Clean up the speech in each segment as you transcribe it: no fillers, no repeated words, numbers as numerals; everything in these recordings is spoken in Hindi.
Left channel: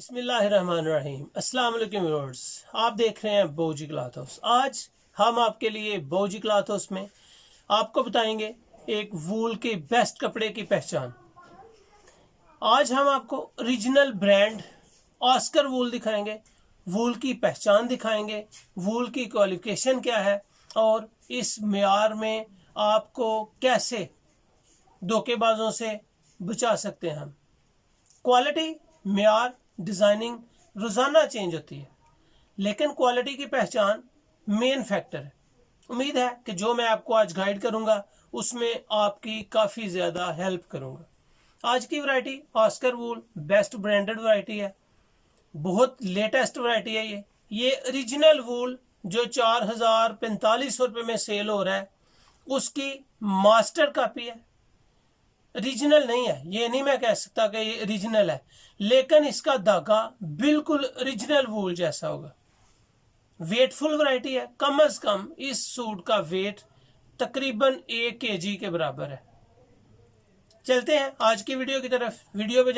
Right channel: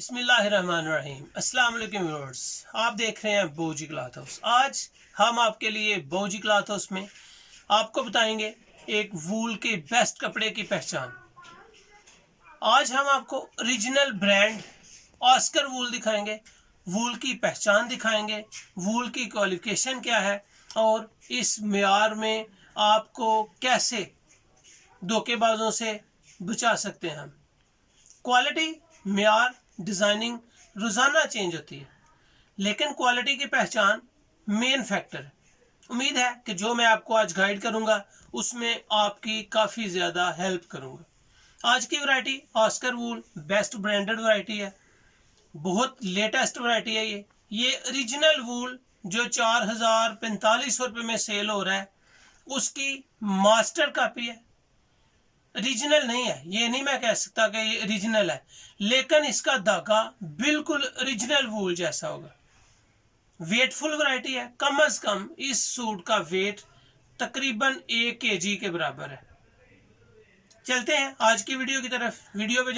बिस्मिल्लाहिर्रहमानिर्रहीम। अस्सलाम वालेकुम व्यूअर्स, आप देख रहे हैं बाओ जी क्लॉथ हाउस। आज हम आपके लिए बाओ जी क्लॉथ हाउस में आपको बताएंगे एक वूल के बेस्ट कपड़े की पहचान। आज हम आपको ओरिजिनल ब्रांड आस्कर वूल दिखाएंगे, वूल की पहचान दिखाएंगे, वूल की क्वालिफिकेशन क्या है और इस मेयार में आपको कैसे धोखेबाजों से बचा सकते हैं हम। क्वालिटी, मेयार, डिज़ाइनिंग रोज़ाना चेंज होती है, लेकिन क्वालिटी की पहचान मेन फैक्टर है। उम्मीद है कि जो मैं आपको आज गाइड करूंगा उसमें आपकी काफ़ी ज़्यादा हेल्प करूंगा। आज की वैरायटी आस्कर वूल बेस्ट ब्रांडेड वैरायटी है, बहुत लेटेस्ट वैरायटी है। ये ओरिजिनल वूल जो 4045 रुपये में सेल हो रहा है उसकी मास्टर कॉपी है, ओरिजिनल नहीं है। ये नहीं मैं कह सकता कि ये ओरिजिनल है, लेकिन इसका धागा बिल्कुल ओरिजिनल वूल जैसा होगा। वेटफुल वैरायटी है, कम अज कम इस सूट का वेट तकरीबन 1 kg के बराबर है। चलते हैं आज की वीडियो की तरफ। वीडियो पे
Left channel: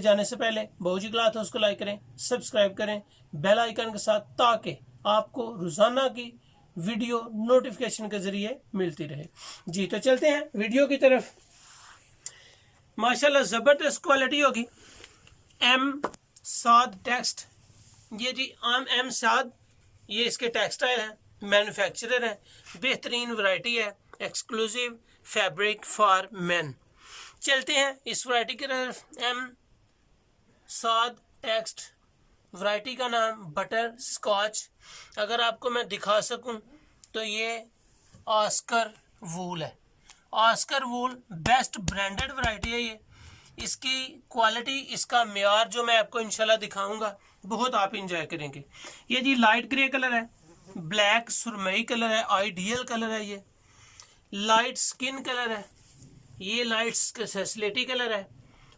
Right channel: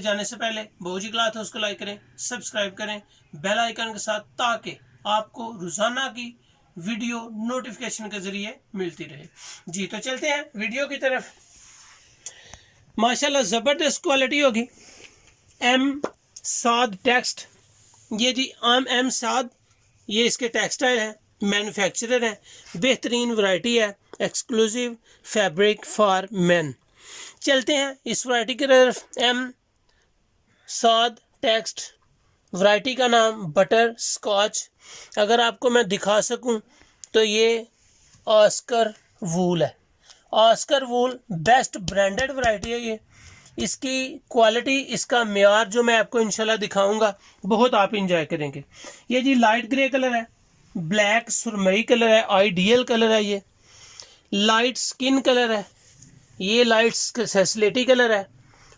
जाने से पहले बाओ जी क्लॉथ हाउस को लाइक करें, सब्सक्राइब करें बेल आइकन के साथ, ताकि आपको रोजाना की वीडियो नोटिफिकेशन के जरिए मिलती रहे। जी तो चलते हैं वीडियो की तरफ। माशाल्लाह ज़बरदस्त क्वालिटी होगी। एम साद टेक्स्ट, ये जी एम साद, ये इसके टेक्सटाइल है, मैन्युफैक्चरर है, बेहतरीन वैरायटी है, एक्सक्लूसिव फैब्रिक फॉर मेन। चलते हैं इस वैरायटी की तरफ। एम साद टेक्स्ट, वैरायटी का नाम बटर स्कॉच। अगर आपको मैं दिखा सकूं तो ये आस्कर वूल है। आस्कर वूल बेस्ट ब्रांडेड वैरायटी है। ये इसकी क्वालिटी, इसका मेयार जो मैं आपको इंशाल्लाह दिखाऊंगा, बहुत आप इंजॉय करेंगे। ये जी लाइट ग्रे कलर है, ब्लैक सुरमई कलर है, आइडियल कलर है, ये लाइट स्किन कलर है, ये लाइट सेस्लेटी कलर है,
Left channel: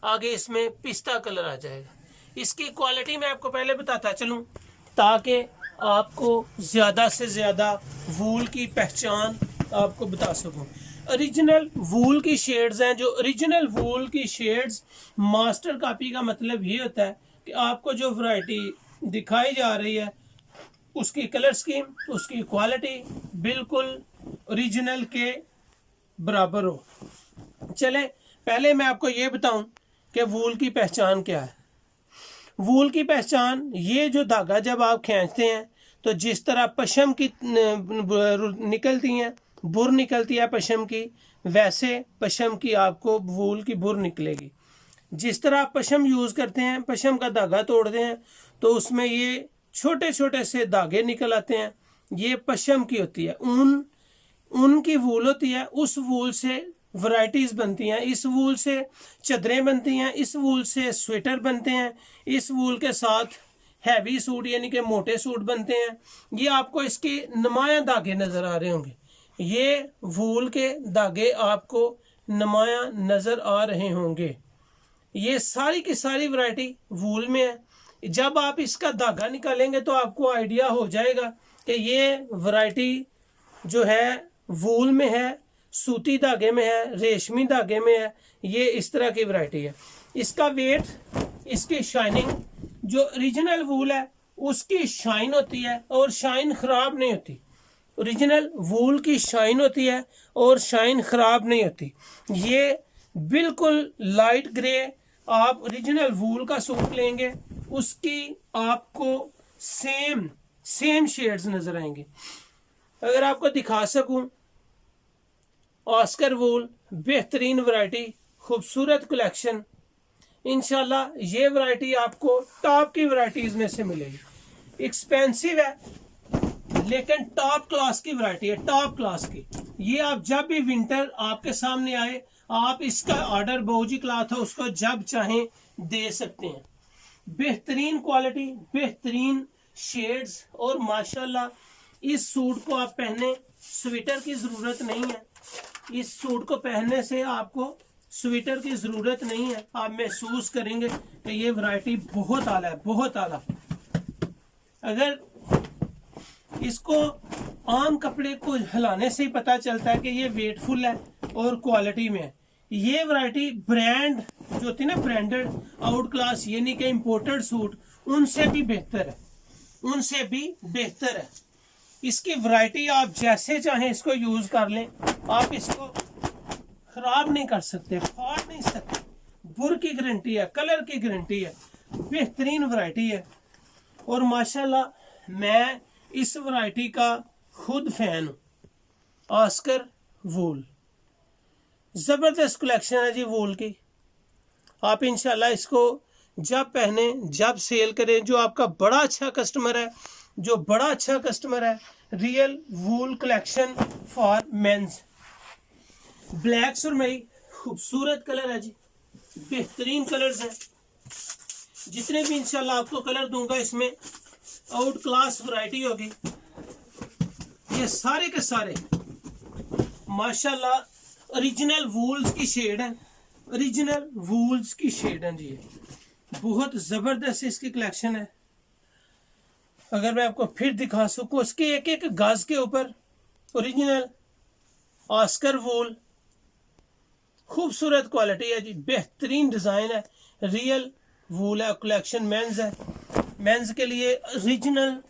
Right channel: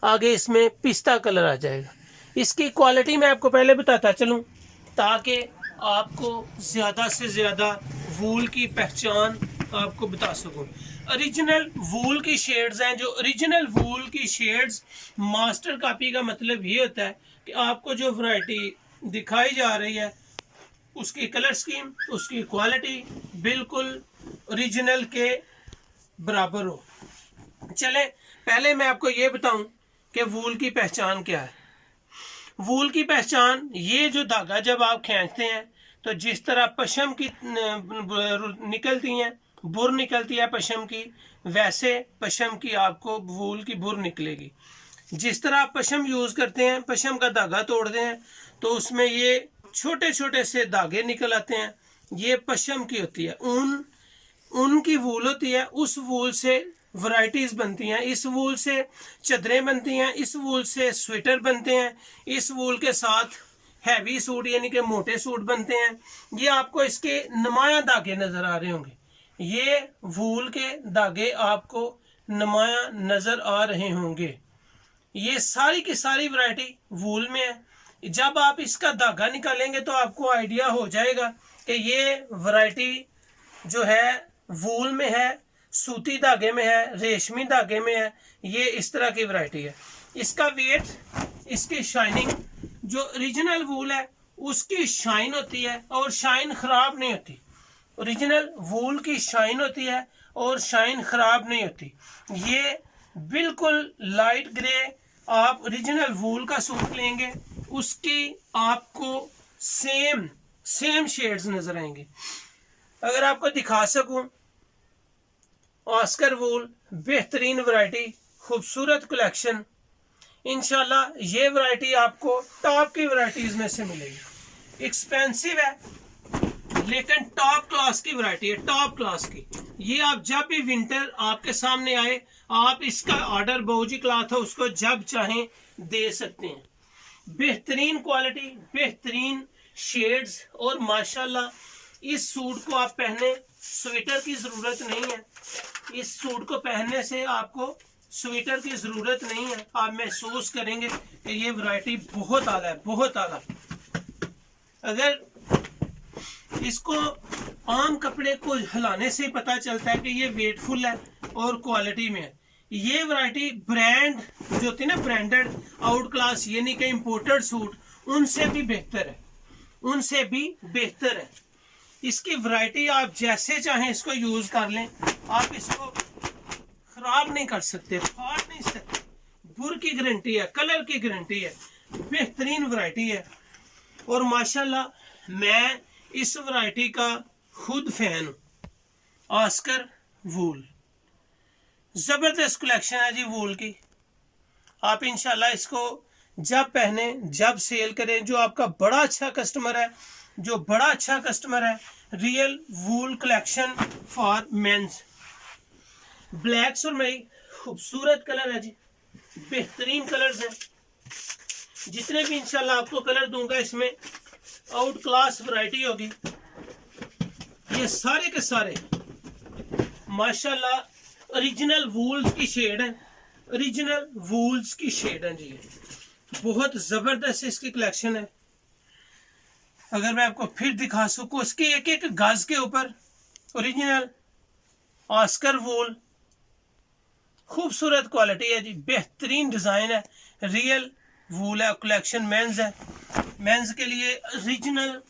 आगे इसमें पिस्ता कलर आ जाएगा। इसकी क्वालिटी मैं आपको पहले बताता चलूँ ताकि आपको ज़्यादा से ज़्यादा वूल की पहचान आपको बता सकूँ। ओरिजिनल वूल की शेड्स हैं, जो ओरिजिनल वूल की शेड्स मास्टर कॉपी का मतलब ये होता है कि आपको जो वैरायटी दिखाई जा रही है उसकी कलर स्कीम, उसकी क्वालिटी बिल्कुल ओरिजिनल के बराबर हो। चलें पहले मैं आपको ये बताऊं कि वूल की पहचान क्या है। वूल की पहचान, ये जो धागा जब आप खींचते हैं तो जिस तरह पशम की निकलती हैं, बुर निकलती है पशम की, वैसे पशम की आपको वूल की बुर निकलेगी। जिस तरह आप पशम यूज़ करते हैं, पशम का धागा तोड़ते हैं तो उसमें ये छोटे छोटे से धागे निकल आते हैं, ये पशम की होती है। ऊन की वूल होती है, उस वूल से वैरायटीज़ बनती हैं, इस वूल से चादरें बनती हैं, इस वूल से स्वेटर बनते हैं, इस वूल के साथ हैवी सूट यानी कि मोटे सूट बनते हैं। ये आपको इसके नुमाया धागे नज़र आ रहे होंगे, ये वूल के धागे आपको नुमाया नज़र आ रहे होंगे। ये सारी की सारी वैरायटी वूल में है। जब आप इसका धागा निकालेंगे तो आपको आइडिया हो जाएगा कि ये वैरायटी जो है वूल में है, सूती धागे में है, रेशमी धागे में है। ये इस तरह की वैरायटी है। इसका वेट, इसकी शाइनिंग, जो ओरिजिनल वूल है उसकी शाइन होती है और शाइन खराब नहीं होती। ओरिजिनल वूल की शाइन होती है और शाइन खराब नहीं होती। ये बिल्कुल लाइट ग्रे, आप ओरिजिनल वूल का सूट लेंगे उसकी आपको सेम शेड्स नजर आएंगे। अगर आपको दिखा सकूं, आस्कर वूल बेहतरीन वैरायटी, खूबसूरत कलेक्शन। इंशाल्लाह ये वैरायटी आपको टॉप की वैरायटीज में से मिलेगी। एक्सपेंसिव है लेकिन टॉप क्लास की वैरायटी है, टॉप क्लास की। ये आप जब भी विंटर आपके सामने आए, आप इसका ऑर्डर बाओ जी क्लॉथ हाउस को जब चाहें दे सकते हैं। बेहतरीन क्वालिटी, बेहतरीन शेड्स, और माशाल्लाह इस सूट को आप पहने, स्वेटर की ज़रूरत नहीं है। इस सूट को पहनने से आपको स्वेटर की ज़रूरत नहीं है। आप महसूस करेंगे कि ये वैरायटी बहुत आला है, बहुत आला। अगर इसको आम कपड़े को हिलाने से ही पता चलता है कि ये वेटफुल है और क्वालिटी में है। ये वैरायटी ब्रांड जो होती है ना ब्रांडेड आउट क्लास यानी कि इम्पोर्टेड सूट, उनसे भी बेहतर है, उनसे भी बेहतर है। इसकी वैरायटी आप जैसे चाहें इसको यूज कर लें, आप इसको खराब नहीं कर सकते, फाड़ नहीं सकते। बुर की गारंटी है, कलर की गारंटी है, बेहतरीन वैरायटी है। और माशाल्लाह मैं इस वैरायटी का खुद फैन हूँ। आस्कर वूल, जबरदस्त कलेक्शन है जी वूल की। आप इंशाल्लाह इसको जब पहने जब सेल करें। जो आपका बड़ा अच्छा कस्टमर है, जो बड़ा अच्छा कस्टमर है, real wool collection for men's. Black सुरमई खूबसूरत कलर है जी, बेहतरीन कलर्स हैं। जितने भी इंशाल्लाह आपको कलर दूंगा इसमें आउट क्लास वैरायटी होगी। ये सारे के सारे माशाल्लाह ओरिजिनल वूल्स की शेड है, ओरिजिनल वूल्स की शेड है जी। बहुत जबरदस्त इसकी कलेक्शन है। अगर मैं आपको फिर दिखा सकूं, इसके एक एक गज के ऊपर ओरिजिनल आस्कर वूल, खूबसूरत क्वालिटी है जी, बेहतरीन डिजाइन है, रियल वूल है। कलेक्शन मेंस है, मेंस के लिए ओरिजिनल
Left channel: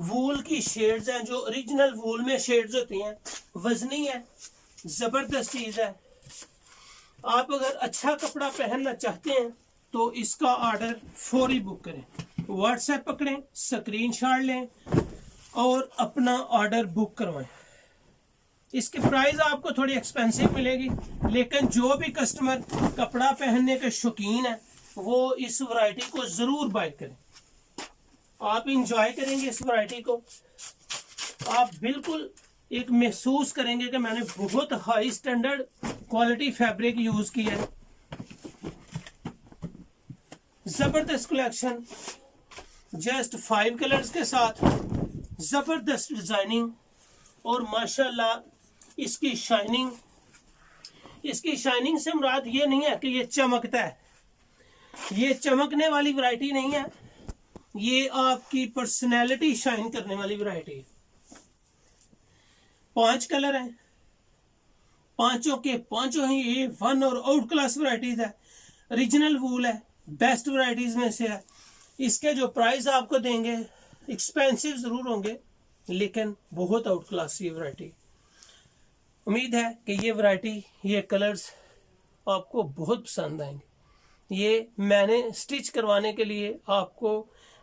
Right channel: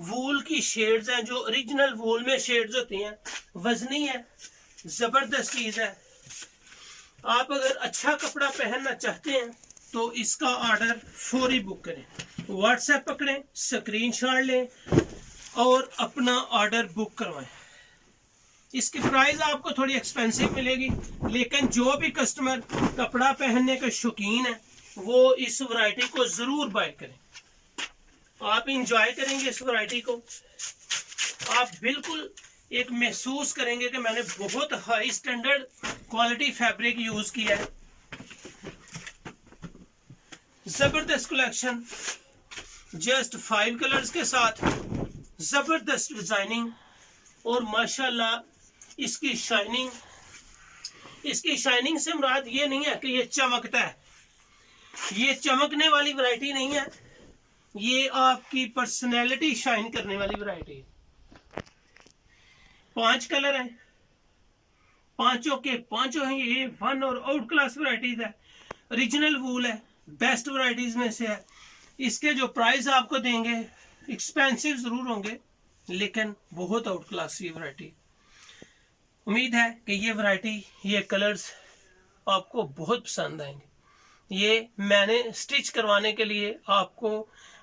वूल की शेड्स हैं, जो ओरिजिनल वूल में शेड्स होती हैं, वजनी है, जबरदस्त चीज है। आप अगर अच्छा कपड़ा पहनना चाहते हैं तो इसका ऑर्डर फौरी बुक करें, व्हाट्सएप पकड़ें, स्क्रीनशॉट लें और अपना ऑर्डर बुक करवाएं। इसकी प्राइस आपको थोड़ी एक्सपेंसिव मिलेगी, लेकिन जो भी कस्टमर कपड़ा पहनने के शौकीन है वो इस वैरायटी को जरूर बाय करें। आप इंजॉय करेंगे इस वैरायटी को, आप बिल्कुल एक महसूस करेंगे कि मैंने बहुत high standard quality fabric use किया है। जबरदस्त कलेक्शन, जस्ट 5 कलर्स के साथ जबरदस्त डिजाइनिंग और माशाल्लाह इसकी शाइनिंग। इसकी शाइनिंग से मुराद ये नहीं है कि ये चमकता है, ये चमकने वाली वैरायटी नहीं है, ये आपकी पर्सनैलिटी शाइन करने वाली वैरायटी है। 5 कलर हैं, पांचों के पांचों हैं ये वन और आउट क्लास वैरायटीज है, ओरिजिनल वूल है, बेस्ट वैरायटीज में से है। इसके जो प्राइस आपको देंगे एक्सपेंसिव जरूर होंगे, लेकिन बहुत आउट क्लास ये वैरायटी। उम्मीद है कि ये वैरायटी, ये कलर्स आपको बहुत पसंद आएंगे। ये मैंने स्टिच करवाने के लिए आपको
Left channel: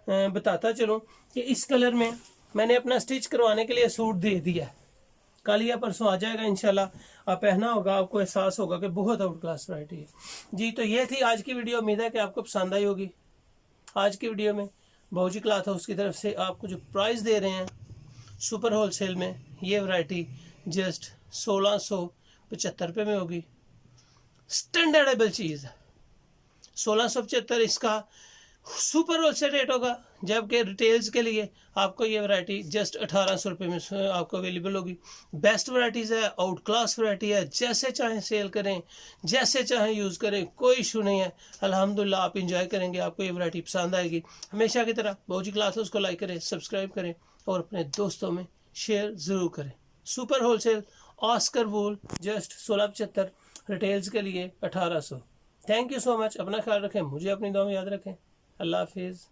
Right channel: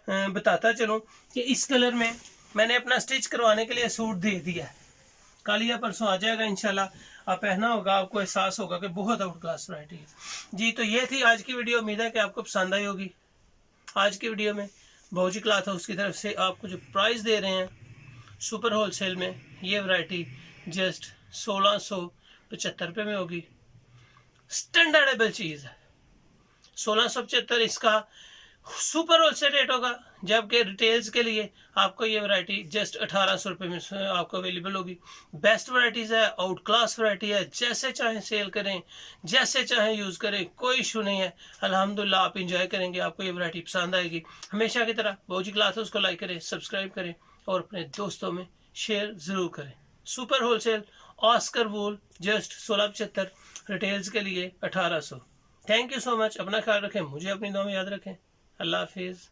बताता चलूं कि इस कलर में मैंने अपना स्टिच करवाने के लिए सूट दे दिया है, कल या परसों आ जाएगा इंशाल्लाह। आप पहना होगा, आपको एहसास होगा कि बहुत आउट क्लास वैरायटी है जी। तो ये थी आज की वीडियो, उम्मीद है कि आपको पसंद आई होगी। आज की वीडियो में बाओ जी क्लॉथ हाउस की तरफ से आपको जो प्राइस दे रहे हैं सुपर होलसेल में, ये वैरायटी जस्ट 1675 रुपये में होगी। स्टैंडर्डेबल चीज़ है, 1675 इसका सुपर होलसेल रेट होगा, जबकि रिटेल्स के लिए आपको ये वैरायटी जस्ट 1800 रुपये में आपको अवेलेबल होगी। बेस्ट वैरायटीज़ है, आउट क्लास वैरायटी है, जैसे चाहें सेल करें, जैसे चाहें यूज़ करें, कोई इशू नहीं है। अल्हम्दुलिल्लाह आप इंजॉय करेंगे, आपको ये वैरायटी पसंद आएगी। हमेशा की तरह बाओ जी क्लॉथ हाउस को लाइक करें, सब्सक्राइब करें और अपने दोस्तों में शेयर ज़रूर करें। सुपर होलसेल आस्कर वूल जस्ट 1675, रिटेल्स के लिए 1800। Thank you so much. अपना ख्याल रखें, मुझे अपनी दुआ में याद रखें। अल्लाह हाफिज़।